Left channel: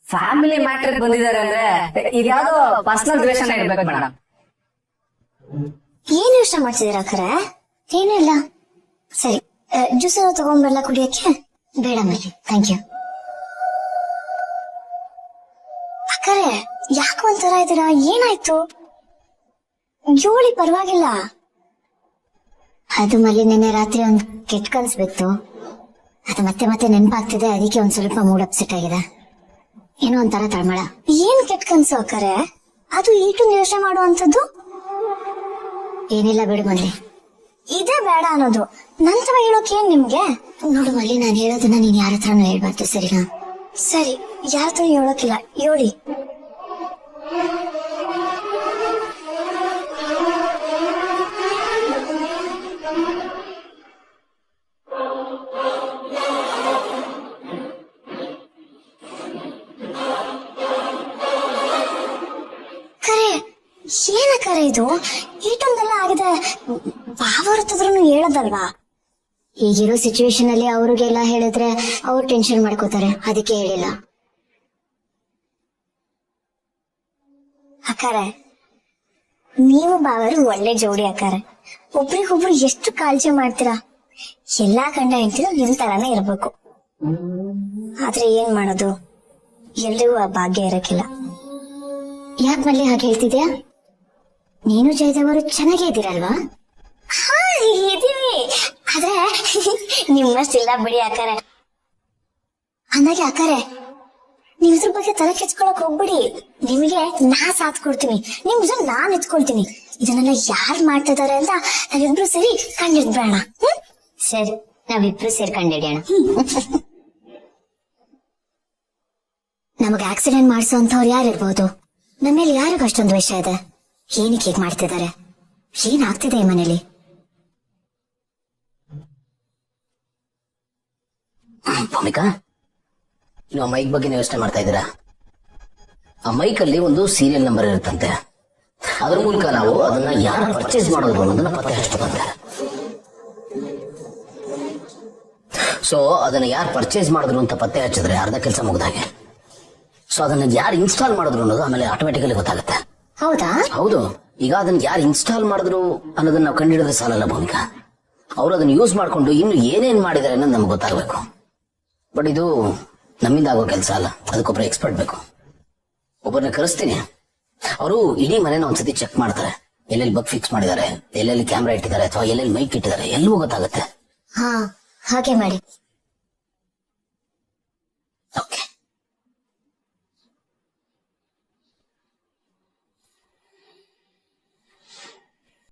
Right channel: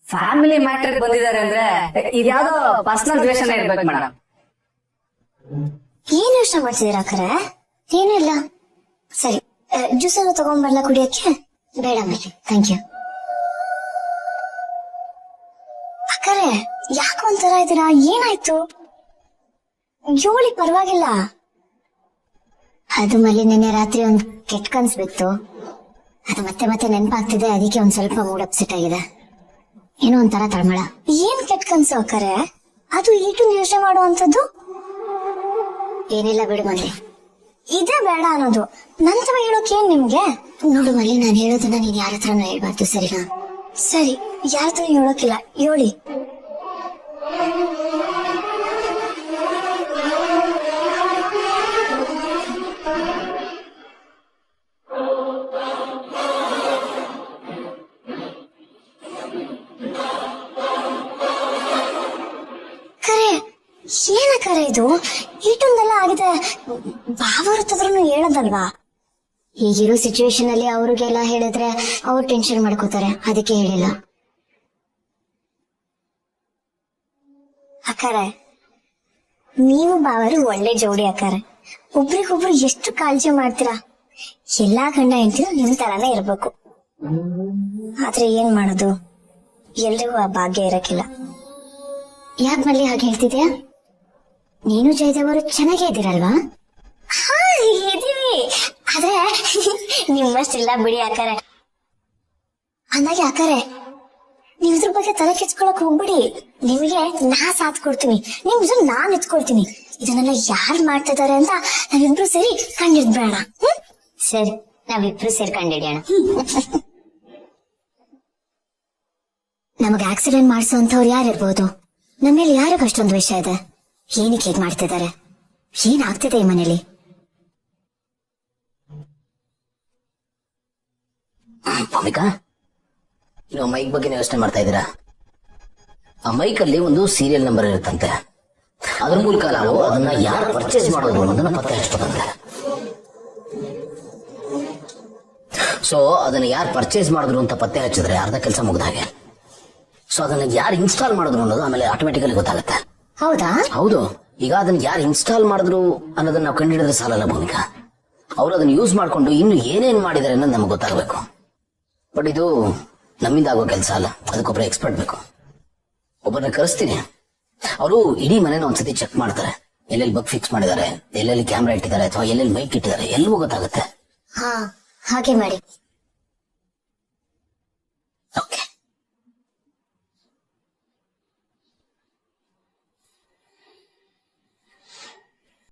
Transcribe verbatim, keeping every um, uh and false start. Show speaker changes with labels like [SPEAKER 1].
[SPEAKER 1] Family matter ಬಂದಿದ್ದಾರೆ ಅಂದ್ರೆ ಇದ್ಯಾವುದೋ ಪರ್ಸನಲ್ ರಿಲೇಷನ್ ಇರ್ಬೇಕು ಮೇಡಮ್.
[SPEAKER 2] ಏನ್ ಯೋಚನೆ ಮಾಡ್ತಿದ್ದೀರಾ ಖರೆ? ಏನೂ ಇಲ್ಲ. ಸರಿ, ಜ್ಯೂಸ್ ತಗೊಂಡ್ಬರ್ಲಾ ಕುಡಿಯಕ್ಕೆ? ಬೇಡ ಮೇಲೆ, ಥ್ಯಾಂಕ್ ಯು. ಅಕ್ಕರೆ ಯಾಕೆ ಒಂಥರ ಇದ್ದೀರಾ? ಏನಾಯ್ತು? ಜೋಳಿ ಪರವಾಗಿಲ್ಲ. ಅದು ಮಲ್ಲಿ ನಿನ್ನೆ ರಾತ್ರಿ ಒಂದ್ ಕೆಟ್ಟ ಕನ್ಸ್ ಬಿತ್ತು. ಅದು ಮತ್ತೆ ಮತ್ತೆ ನೆನಪಾಗ್ತಿದೆ, ಅದಕ್ಕೆ ಒಂದ್ ಸ್ವಲ್ಪ ಮೂಡ್ ಅಪ್ಸೆಟ್ ಆಗಿದೆ. ಏನೋ ಒಂಥರ ತಳಮಳ. ಏನ್ ಕೆಟ್ಟ ಕನ್ಸು ಅಕ್ಕರೆ? ಅದು ಈಟೊಂದು ಯೋಚನೆ ಮಾಡೋ ಅಂತದ್ದು ಏನಿಲ್ಲ ಬಿಡು ಮಲ್ಲಿ. ಇದೇ ಬೇಡ ಅನ್ನೋದು ನಂತರ ಹೇಳೋಕೆ ಏನ್ ನಿಮ್ಗೆ? ನೋಡು ಮಲ್ಲಿ, ನಾನು ಹೇಳೋದನ್ನ ನೀನ್ ಯಾರ ಹತ್ರನೂ ಹೇಳ್ಬಾರ್ದು, ಸರಿನಾ? ಸರಿ, ಯಾರ ಹತ್ರ ಹೇಳೋಕಿಲ್ಲ, ಹೇಳಿ. ಏನ ಕರೆ ಇದು? ಈಟೊಂದೆಲ್ಲ ಆಗಿದೆ, ಭಾವ ಹೊರತದ್ರೂ ಹೇಳೋದಲ್ವಾ? ಈಗಿರೋ ಸಿಚುವೇಶನ್ ಅಲ್ಲಿ ಅವ್ರಿಗೆಲ್ಲ ಹೇಳಿದ್ರೆ ಅವ್ರು ಟೆನ್ಷನ್ ಮಾಡ್ಕೋತಾರೆ, ಅದಕ್ಕೆ ಹೇಳಿಲ್ಲ. ಅಕ್ಕಾರೆ, ನೀವು ಬಾವರು ಒಳ್ಳೆ ಜೋಡಿ ಅಕ್ಕಾರೆ. ಒಬ್ರಿಗೊಬ್ರು ಎಷ್ಟು ಕಾಳಜಿ ಮಾಡ್ತೀರಾ. ಎಲ್ಲಾ ಗಂಡ ಹೆಂಡತಿರು ನಿಮ್ ತರಾನೇ ಇರ್ಬೇಕು. ಆದ್ರೆ ಏನ್ ಮಾಡೋದು, ಎಲ್ರಿಗೂ ಆ ಭಾಗ್ಯ ಇರಕ್ಕಿಲ್ಲ. ಯಾಕೆ ಮಲ್ಲಿ ಹಾಗೆ ಹೇಳ್ತಿದ್ಯಾ? ನೀನು ಜಯದೇವರು ಚೆನ್ನಾಗೇ ಇದ್ದೀರಲ್ವಾ? ಹಾ, ಇದೀವಿ. ಆದ್ರೆ ನಿಮ್ಮಷ್ಟಿಲ್ಲ ಬಿಡಿ ಅಕ್ಕಾರೆ. ಅಂದಾಗೆ ಅಕ್ಕಾರೆ, ನೀವ್ ಇದ್ರ ಬಗ್ಗೆ ತಲೆ ಕೆಚ್ಕೊಳಕ್ ಹೋಗ್ಬಿಡಿ. ನಿಮಗೆ ನಾ ಸಾಥ್ ಕೊಡ್ತೀನಿ, ನಿಮ್ ನಾನ್ ಎತ್ಕೊಳ್ತೀನಿ. ಇದನ್ನೆಲ್ಲ ಯಾರು ಮಾಡ್ತಾ ಇದಾರೆ ಅಂತ ನಾವಿಬ್ರು ಸೇರಿ ಕಂಡಿಡ್ಬೇಡ. ಸರಿ, ನಾವಿಬ್ರು ಸೇರಿ ಕಂಡಿಡಿಯೋಣ. ನಮಗ್ ಆಕ್ಸಿಡೆಂಟ್ ಮಾಡಿಸೋ ಅಂತವ್ರು ಯಾರಿರ್ಬೋದು? ನಮ್ಮೇಲೆ ಯಾರಿಗ ಅಷ್ಟೊಂದು ವಿಷಯ ಇದೆ? ಏನಕ್ಕೆ ಹೀಗೆ ಮಾಡ್ತಿದ್ದಾರೆ? ಏನಾಗ್ತಿದೆ ಈ ಮನೇಲಿ?
[SPEAKER 3] ಭೂಮಿಕಾ, ನೀವು ಆ ಮೈಕ್ ಬಗ್ಗೆ ಯೋಚನೆ ಮಾಡ್ತಾ ಇದ್ದೀರಾ? ಆ ಮೈಕ್ ಅಲ್ಲಿ ಒಂದು ಸೀರಿಯಲ್ ನಂಬರ್ ಇರುತ್ತಂತೆ. ಅದ್ರ ಮೂಲಕ ನಾವು ಅದನ್ನ ಯಾರು ಪರ್ಚೇಸ್ ಮಾಡೋದು ಅನ್ನೋದನ್ನ ಪತ್ತೆ ಹಚ್ಚಬೇಕಂತೆ. ಸೊ ಅದನ್ನ ಯಾರು ಪರ್ಚೇಸ್ ಮಾಡಿದ್ರು ಅಂತ ಪತ್ತೆ ಹಚ್ಚಿದ್ರೆ ಅರ್ಧ ಕೆಲಸ ಮುಗ್ದಾಗೆ. ಸೊ ಅದನ್ನ ಯಾರು ಇನ್ಸ್ಟಾಲ್ ಮಾಡಿದ್ರು ಅನ್ನೋದು ಆಮೇಲೆ ಆಟೋಮೆಟಿಕಲಿ ಗೊತ್ತಾಗುತ್ತೆ.
[SPEAKER 2] ಹೌದಾ?
[SPEAKER 3] ಹೌದು. ಈಗ ಅದನ್ನ ಯಾರು ಇನ್ಸ್ಟಾಲ್ ಮಾಡಿದ್ರು ಅನ್ನೋದನ್ನ ನಾವು ಕಂಡುಹಿಡಿದ್ರೆ ಸಾಲಲ್ಲ ಭೂಮಿಕಾ. ಅವರು ಅದನ್ನ ಯೂಸ್ ಮಾಡ್ಕೊಂಡು ಇನ್ನು ಏನೇನ್ ಮಾಡಿದಾರೆ ಅನ್ನೋದು ನಮ್ಗೆ ಗೊತ್ತಾಗಬೇಕು. ಬಟ್ ಇದು ನಮ್ಮಿಂದ ಆಗೋ ಕೆಲಸ ಅಲ್ಲ, ಅದಕ್ಕೊಬ್ಬರು ಎಕ್ಸ್ಪರ್ಟ್ ಬೇಕು. ಒಬ್ಬರನ್ನ ಕರೆಸ್ತೀನಿ, ಅವರು ಇಡೀ ಮನೇನ ಒಂದ್ಸತಿ ಚೆಕ್ ಮಾಡ್ತಾರೆ. ಎಲ್ಲೆಲ್ಲಿ ಬಗ್ ಫಿಕ್ಸ್ ಮಾಡಿದ್ದಾರೆ, ಎಲ್ಲೆಲ್ಲಿ ಕ್ಯಾಮ್ರಾ ಇಟ್ಟಿದ್ದಾರೆ ಅಥವಾ ಎಲ್ಲೆಲ್ಲಿ ಮೈಕ್ ಇಟ್ಟಿದ್ದಾರೆ, ಎಲ್ಲವೂ ಗೊತ್ತಾಗುತ್ತೆ.
[SPEAKER 2] ಹಾ, ಹಾಗೆ ಮಾಡಿ.
[SPEAKER 3] ಓಕೆ.